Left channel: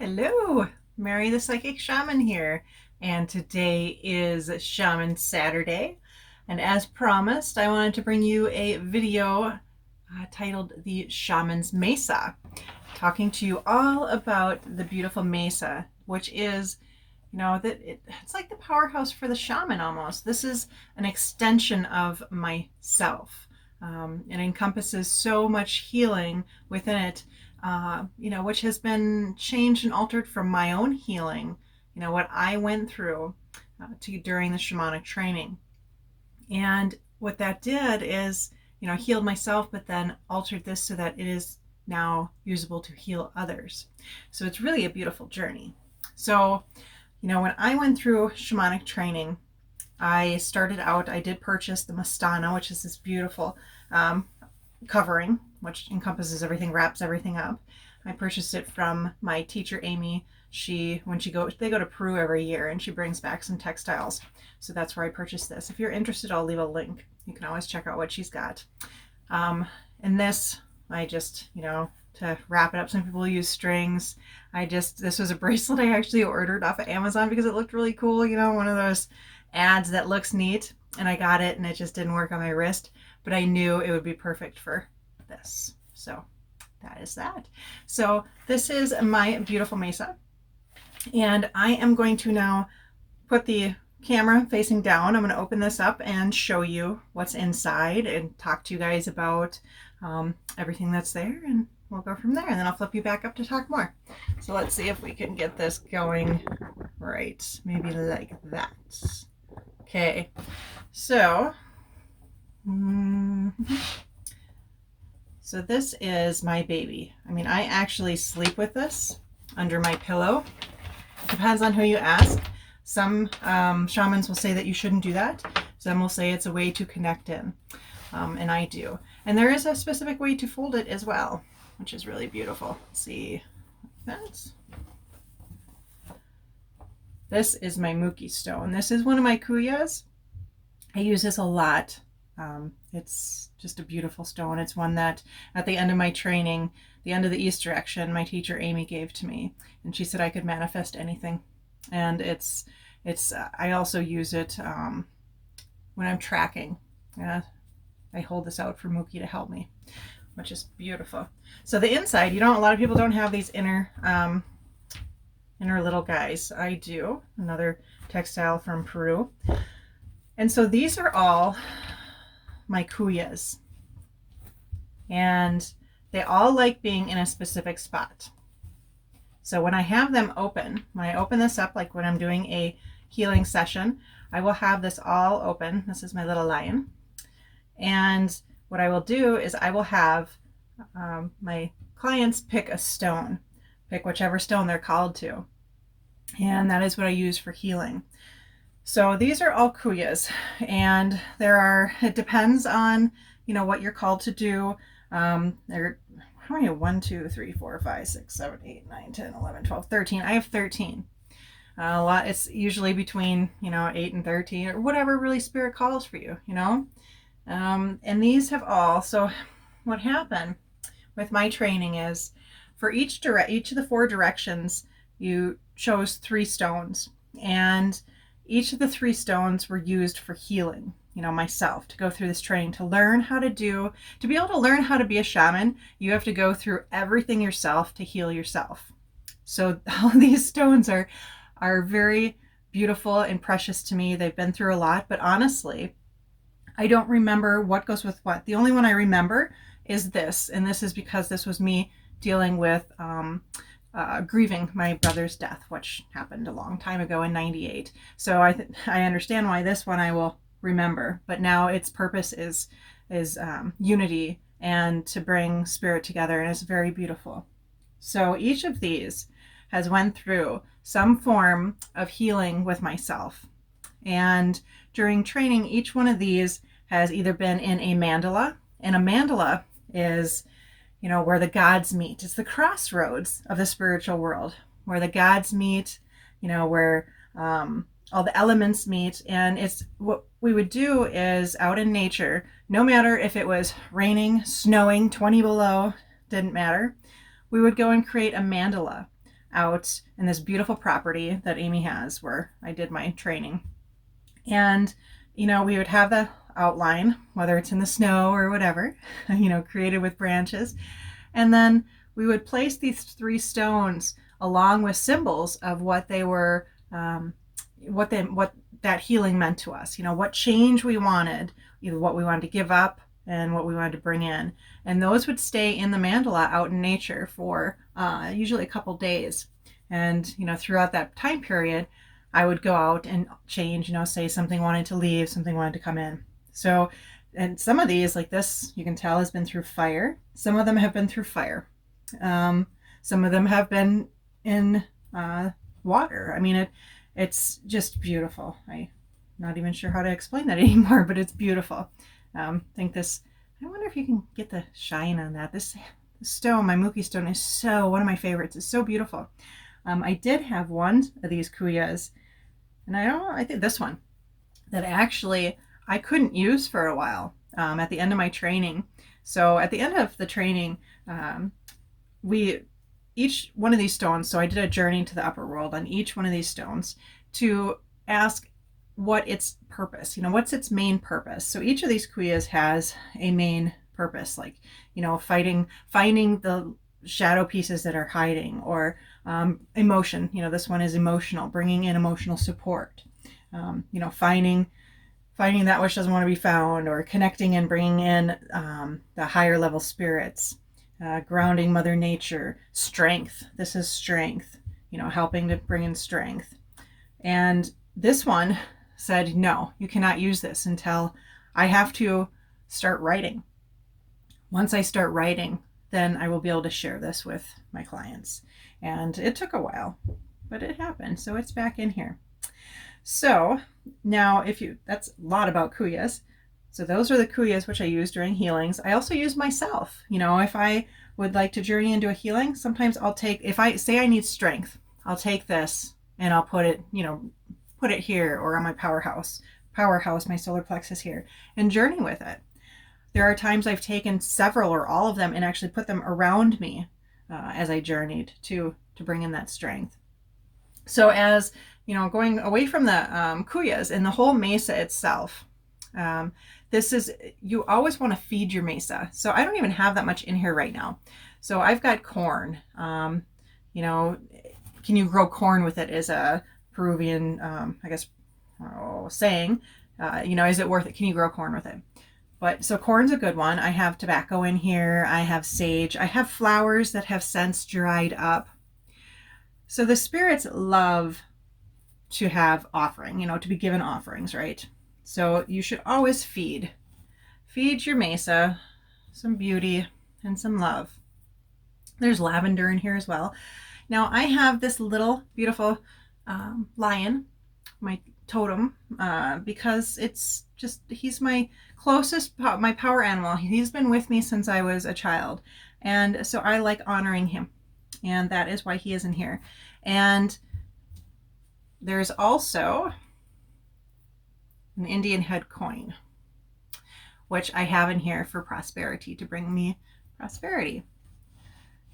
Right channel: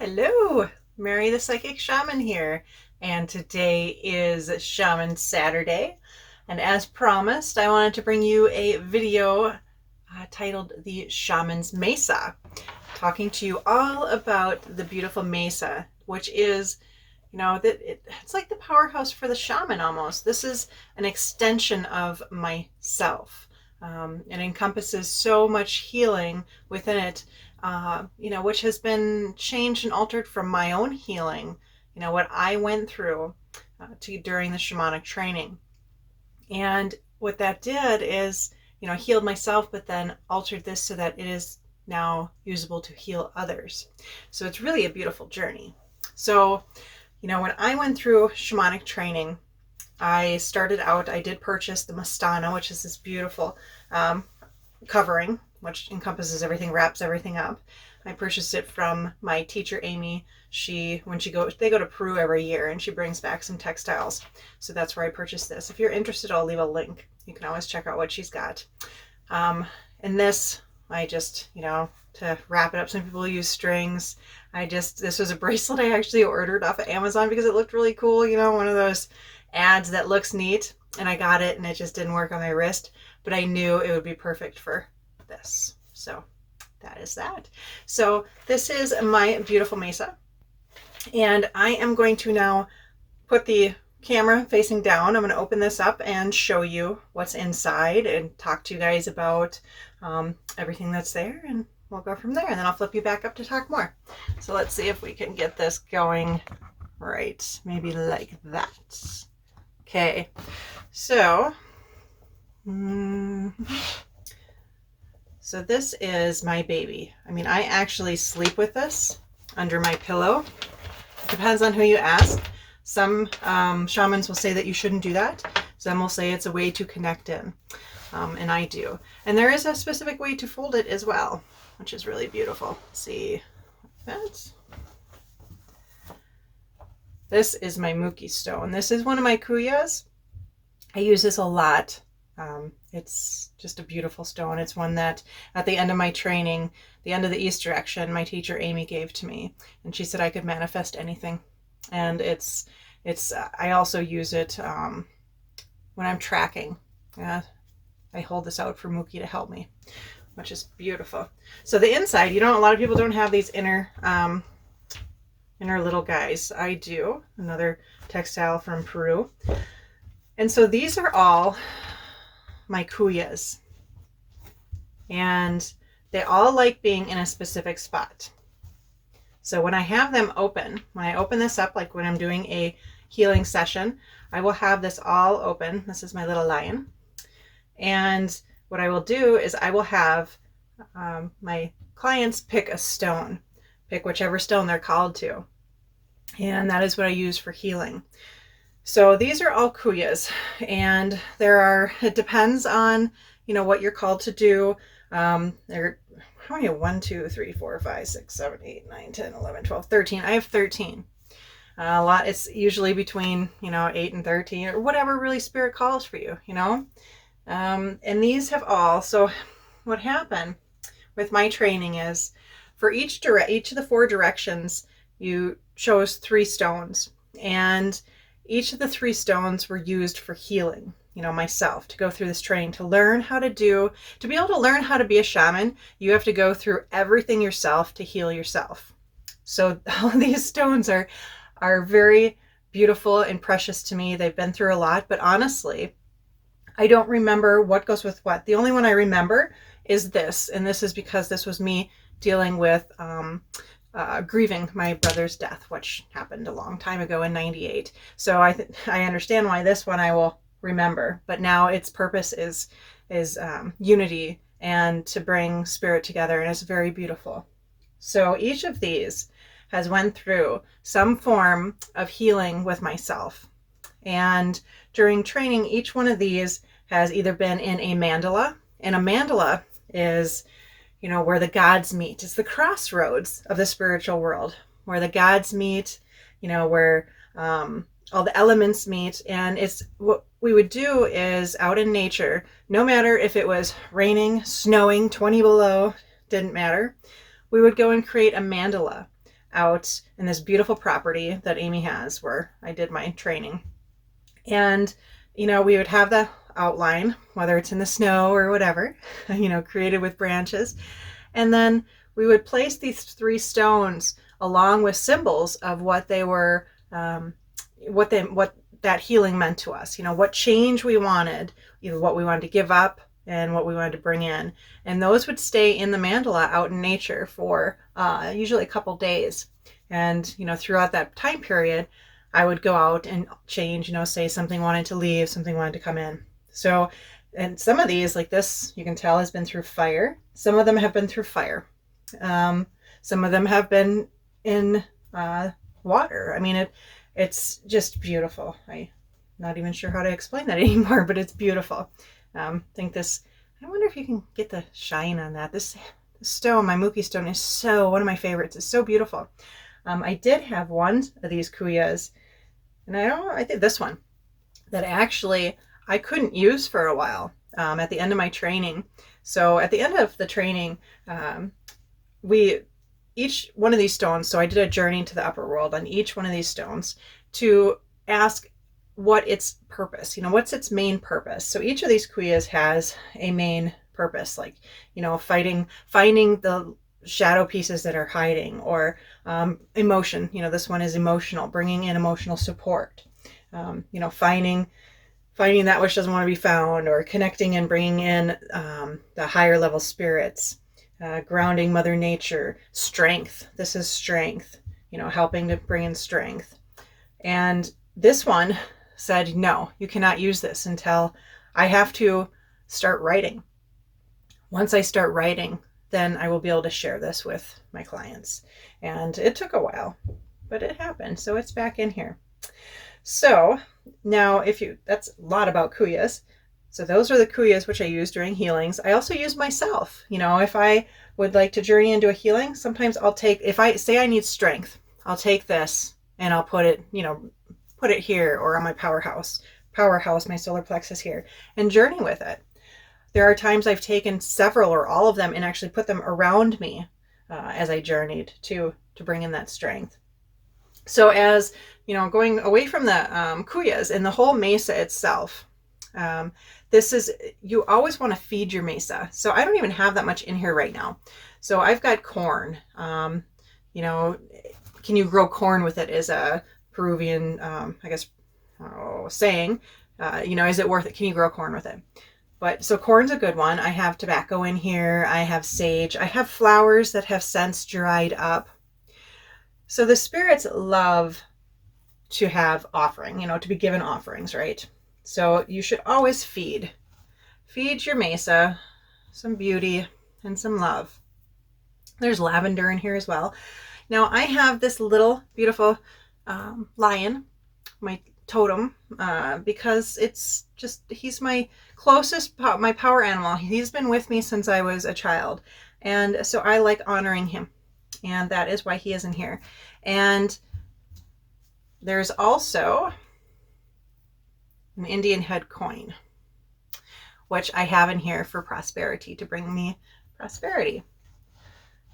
Hello, Mary the Psychic Shaman here, and today is Shaman Saturday. And as promised, I wanted to bring you a video titled The Shaman's Mesa, talking to you all about the beautiful Mesa, which is, it's like the powerhouse for the shaman almost. This is an extension of myself. It encompasses so much healing within it, which has been changed and altered from my own healing, what I went through during the shamanic training. And what that did is, healed myself, but then altered this so that it is now usable to heal others. So it's really a beautiful journey. So, when I went through shamanic training, I did purchase the Mastana, which is this beautiful covering, which encompasses everything, wraps everything up. I purchased it from my teacher, Amy. They go to Peru every year, and she brings back some textiles. So that's where I purchased this. If you're interested, I'll leave a link. You can always check out what she's got. And this, I just, to wrap it up, some people use strings. This was a bracelet I actually ordered off of Amazon because it looked really cool. One of those ads that looks neat. And I got it, and it just didn't work on my wrist. But I knew it would be perfect for this. So that is that. So this is my beautiful Mesa. And I am going to now put the camera facing down. I'm going to open this up and show you what's inside and talk to you guys about everything that's there. And we'll go from there. And then I'll flip you back up to talk more. So let's see if we can get this going right. Maybe like that. Okay. So So this is my baby. I mean, I actually sleep with this under my pillow. Depends on who you ask. Some shamans will say that you shouldn't do that. Some will say it's a way to connect in. And I do. And there is a specific way to fold it as well, which is really beautiful. Let's see. This is my Muki stone. This is one of my kuyas. I use this a lot. It's just a beautiful stone. It's one that at the end of my training, the end of the East direction, my teacher Amy gave to me, and she said I could manifest anything. And I also use it when I'm tracking. I hold this out for Muki to help me, which is beautiful. So the inside, a lot of people don't have these inner little guys. I do. Another textile from Peru. And so these are all my kuyas, and they all like being in a specific spot. So when I have them open, when I open this up, like when I'm doing a healing session, I will have this all open. This is my little lion. And what I will do is I will have my clients pick a stone, pick whichever stone they're called to. And that is what I use for healing. So these are all kuyas, and it depends on, what you're called to do. How many? 1, 2, 3, 4, 5, 6, 7, 8, 9, 10, 11, 12, 13. I have 13. A lot. It's usually between, 8 and 13 or whatever really spirit calls for you, and these have all. So what happened with my training is for each of the 4 directions, you chose 3 stones, and each of the 3 stones were used for healing, myself, to go through this training, to be able to learn how to be a shaman, you have to go through everything yourself to heal yourself. So all of these stones are very beautiful and precious to me. They've been through a lot, but honestly, I don't remember what goes with what. The only one I remember is this, and this is because this was me dealing with grieving my brother's death, which happened a long time ago in '98. So I understand why this one I will remember, but now its purpose is unity and to bring spirit together, and it's very beautiful. So each of these has went through some form of healing with myself, and during training, each one of these has either been in a mandala, and a mandala is where the gods meet. It's the crossroads of the spiritual world, where the gods meet, where all the elements meet. And it's what we would do is out in nature, no matter if it was raining, snowing, 20 below, didn't matter. We would go and create a mandala out in this beautiful property that Amy has where I did my training. And, we would have the outline, whether it's in the snow or whatever, created with branches. And then we would place these 3 stones along with symbols of what they were, what that healing meant to us, what change we wanted, what we wanted to give up and what we wanted to bring in. And those would stay in the mandala out in nature for usually a couple days. And, throughout that time period, I would go out and change, say something wanted to leave, something wanted to come in. So, and some of these, like this, you can tell has been through fire. Some of them have been through fire. Some of them have been in water. I mean, it's just beautiful. I'm not even sure how to explain that anymore, but it's beautiful. I wonder if you can get the shine on that. This stone, my Mookie stone, is one of my favorites. It's so beautiful. I did have one of these kuyas, and I think this one, that actually I couldn't use for a while at the end of my training. So at the end of the training, each one of these stones, so I did a journey to the upper world on each one of these stones to ask what its purpose, what's its main purpose. So each of these kuyas has a main purpose, like, finding the shadow pieces that are hiding, or emotion. This one is emotional, bringing in emotional support. Finding that which doesn't want to be found, or connecting and bringing in the higher level spirits. Grounding Mother Nature, strength. This is strength, helping to bring in strength. And this one said, no, you cannot use this until I have to start writing. Once I start writing, then I will be able to share this with my clients. And it took a while, but it happened. So it's back in here. So now that's a lot about kuyas. So those are the kuyas which I use during healings. I also use myself. If I would like to journey into a healing, sometimes if I say I need strength, I'll take this and I'll put it here, or on my powerhouse, my solar plexus here, and journey with it. There are times I've taken several or all of them and actually put them around me as I journeyed to bring in that strength. So as, going away from the kuyas and the whole mesa itself, you always want to feed your mesa. So I don't even have that much in here right now. So I've got corn. Can you grow corn with it is a Peruvian, saying. Is it worth it? Can you grow corn with it? So corn's a good one. I have tobacco in here. I have sage. I have flowers that have since dried up. So the spirits love to have offering, to be given offerings, right? So you should always feed your mesa some beauty and some love. There's lavender in here as well. Now I have this little beautiful lion, my totem, because he's my closest, my power animal. He's been with me since I was a child. And so I like honoring him. And that is why he is in here. And there's also an Indian head coin, which I have in here for prosperity, to bring me prosperity.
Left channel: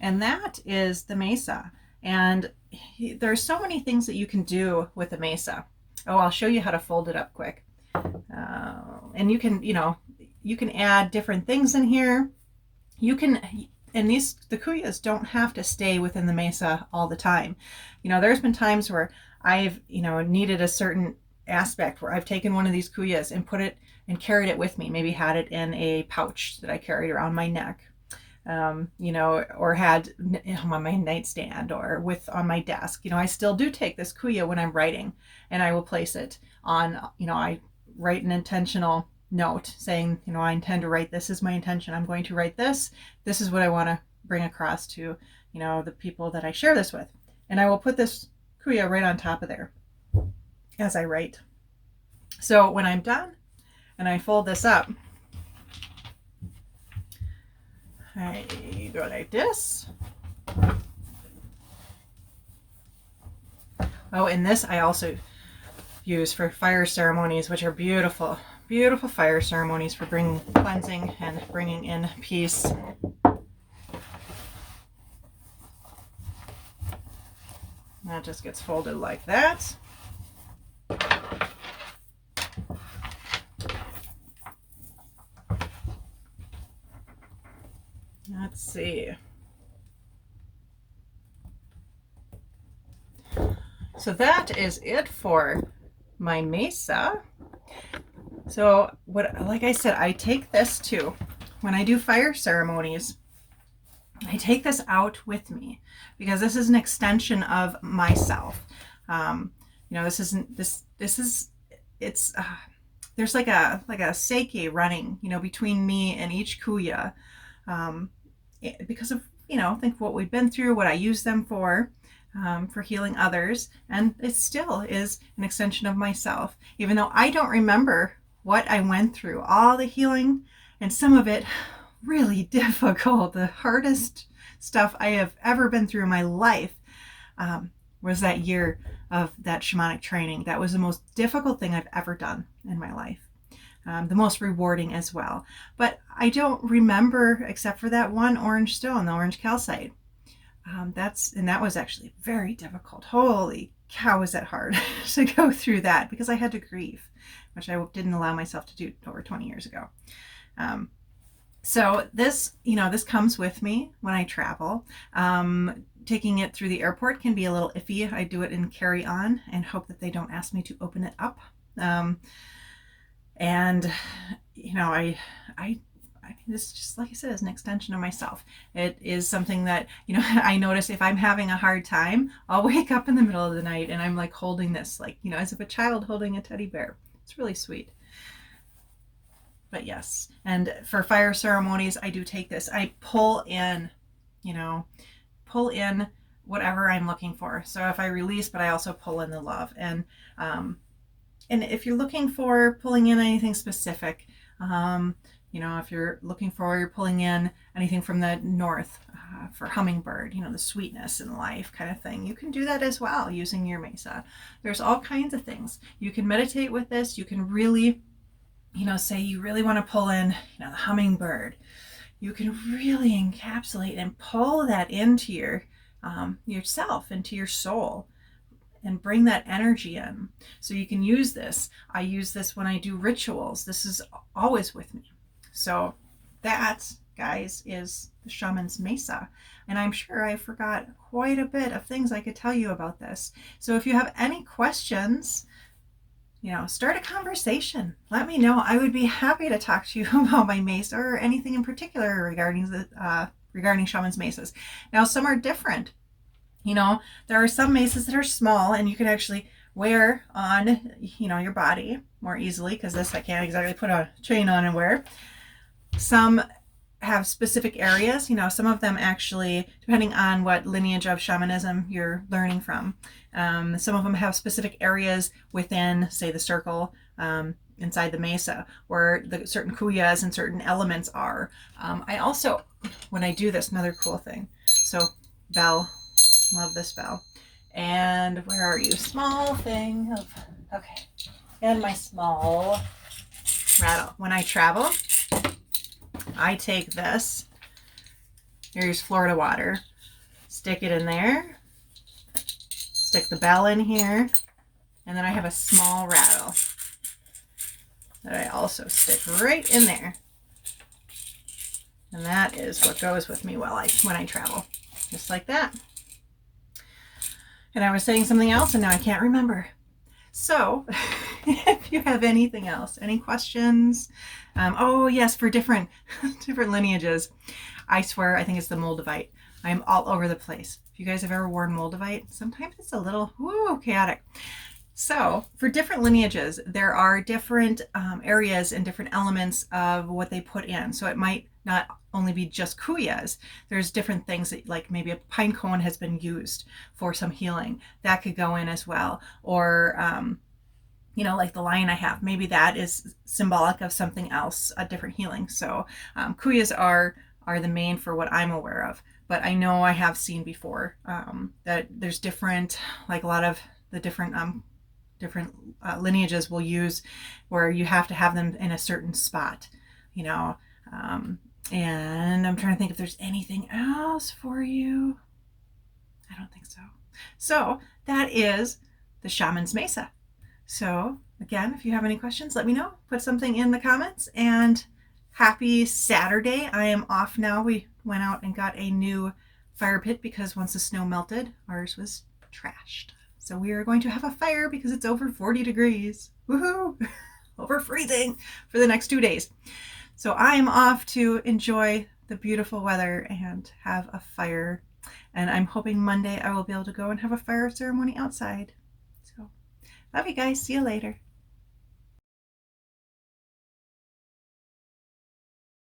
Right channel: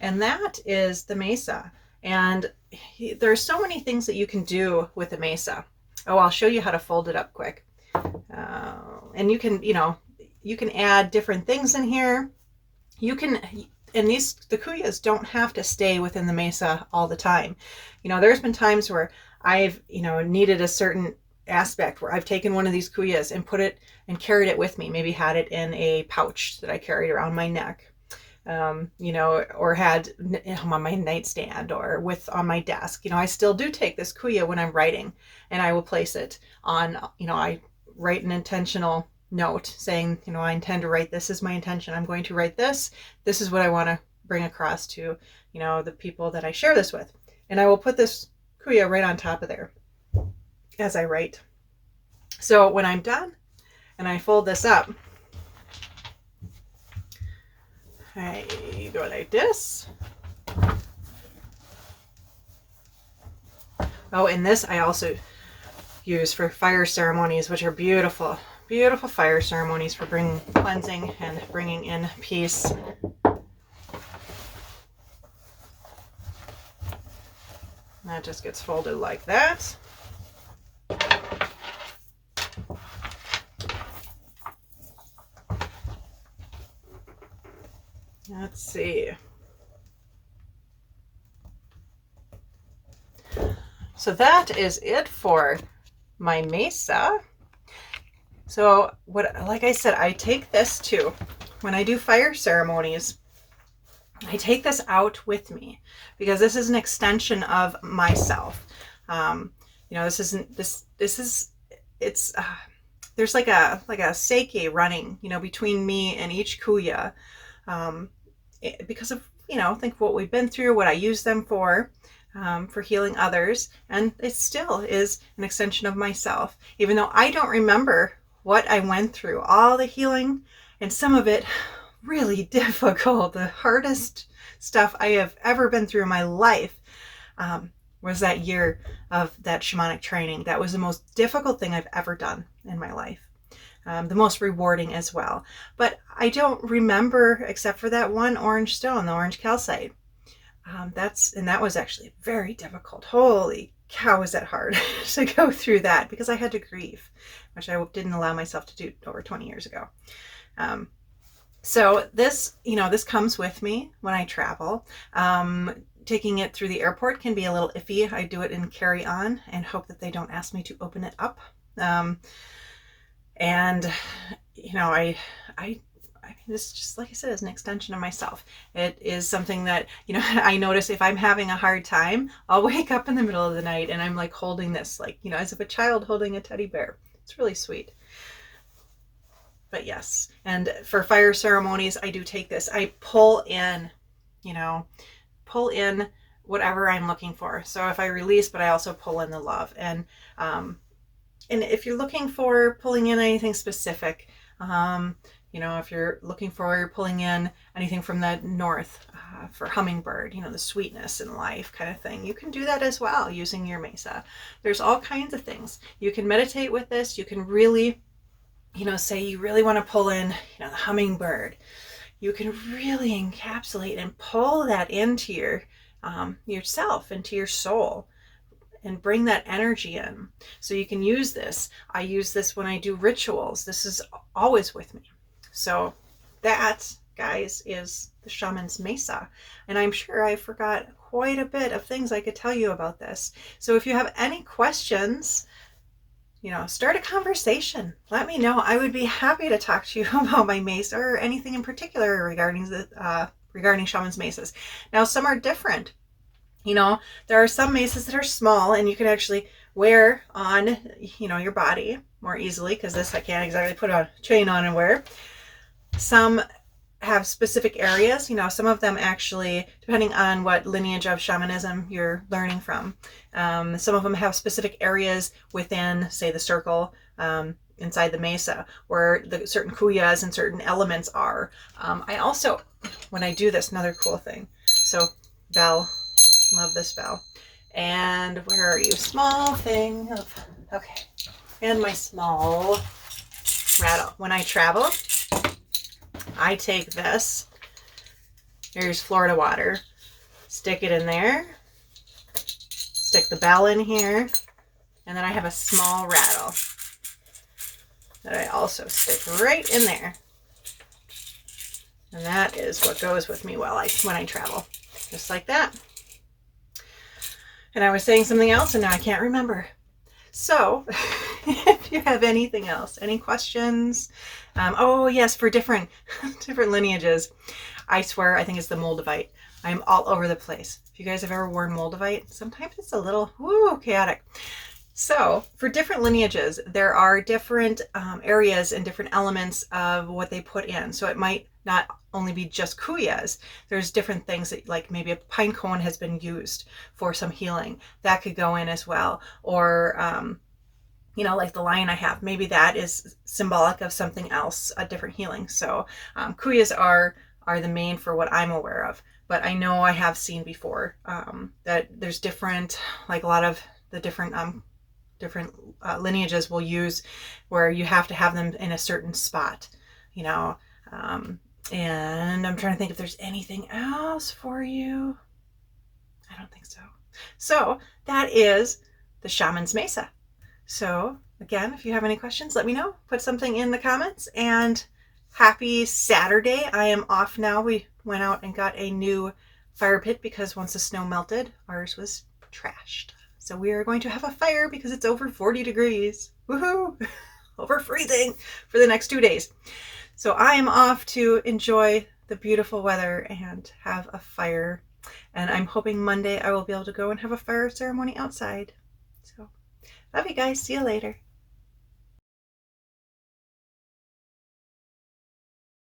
And that is the mesa. And there's so many things that you can do with the mesa. Oh, I'll show you how to fold it up quick. And you can add different things in here. And the kuyas don't have to stay within the mesa all the time. There's been times where I've, needed a certain aspect where I've taken one of these kuyas and put it and carried it with me, maybe had it in a pouch that I carried around my neck, or had on my nightstand or on my desk. I still do take this kuya when I'm writing, and I will place it on, I write an intentional note saying, I intend to write, this is my intention. I'm going to write this. This is what I want to bring across to, the people that I share this with. And I will put this kuya right on top of there as I write. So when I'm done and I fold this up, I go like this. Oh, and this I also use for fire ceremonies, which are beautiful, beautiful fire ceremonies for bringing cleansing and bringing in peace. And that just gets folded like that. Let's see. So that is it for my Mesa. So like I said, I take this too. When I do fire ceremonies, I take this out with me because this is an extension of myself. This isn't, it's, there's like a seike running, between me and each kuya, because of, think what we've been through, what I use them for healing others. And it still is an extension of myself, even though I don't remember what I went through, all the healing, and some of it really difficult. The hardest stuff I have ever been through in my life was that year of that shamanic training. That was the most difficult thing I've ever done in my life. The most rewarding as well. But I don't remember, except for that one orange stone, the orange calcite. That was actually very difficult. Holy cow, was that hard to go through that, because I had to grieve, which I didn't allow myself to do over 20 years ago. So this comes with me when I travel. Taking it through the airport can be a little iffy. I do it in carry-on and hope that they don't ask me to open it up. This, just like I said, is an extension of myself. It is something that, I notice if I'm having a hard time, I'll wake up in the middle of the night and I'm like holding this, like, as if a child holding a teddy bear. It's really sweet. But yes, and for fire ceremonies, I do take this. I pull in whatever I'm looking for. So if I release, but I also pull in the love. And if you're looking for pulling in anything specific, if you're looking for pulling in anything from the north, for hummingbird, the sweetness in life kind of thing, you can do that as well using your Mesa. There's all kinds of things. You can meditate with this. You can really, say you really want to pull in, the hummingbird. You can really encapsulate and pull that into yourself, into your soul, and bring that energy in. So you can use this. I use this when I do rituals. This is always with me. So that, guys, is the Shaman's Mesa. And I'm sure I forgot quite a bit of things I could tell you about this. So if you have any questions, start a conversation. Let me know. I would be happy to talk to you about my Mesa or anything in particular regarding Shaman's Mesas. Now, some are different. There are some Mesas that are small and you can actually wear on, your body more easily, because this I can't exactly put a chain on and wear. Some have specific areas, some of them actually, depending on what lineage of shamanism you're learning from, some of them have specific areas within, say, the circle, inside the Mesa, where the certain kuyas and certain elements are. I also, when I do this, another cool thing, so bell, love this bell. And where are you? Small thing of, okay. And my small rattle. When I travel, I take this, here's Florida water, stick it in there, stick the bell in here, and then I have a small rattle that I also stick right in there. And that is what goes with me when I travel, just like that. And I was saying something else and now I can't remember. So if you have anything else, any questions, oh yes, for different lineages, I swear, I think it's the Moldavite. I'm all over the place. If you guys have ever worn Moldavite, sometimes it's a little chaotic. So for different lineages, there are different areas and different elements of what they put in. So it might not only be just kuyas. There's different things that, like maybe a pine cone has been used for some healing. That could go in as well. Or, like the lion I have, maybe that is symbolic of something else, a different healing. So kuyas are the main for what I'm aware of. But I know I have seen before that there's different, like a lot of the different lineages will use where you have to have them in a certain spot, and I'm trying to think if there's anything else for you. I don't think so. So that is the Shaman's Mesa. So again, if you have any questions, let me know. Put something in the comments, and happy Saturday. I am off now. We went out and got a new fire pit because once the snow melted, ours was trashed. So we are going to have a fire because it's over 40 degrees. Woohoo! Over freezing for the next 2 days. So I am off to enjoy the beautiful weather and have a fire. And I'm hoping Monday I will be able to go and have a fire ceremony outside. So love you guys. See you later.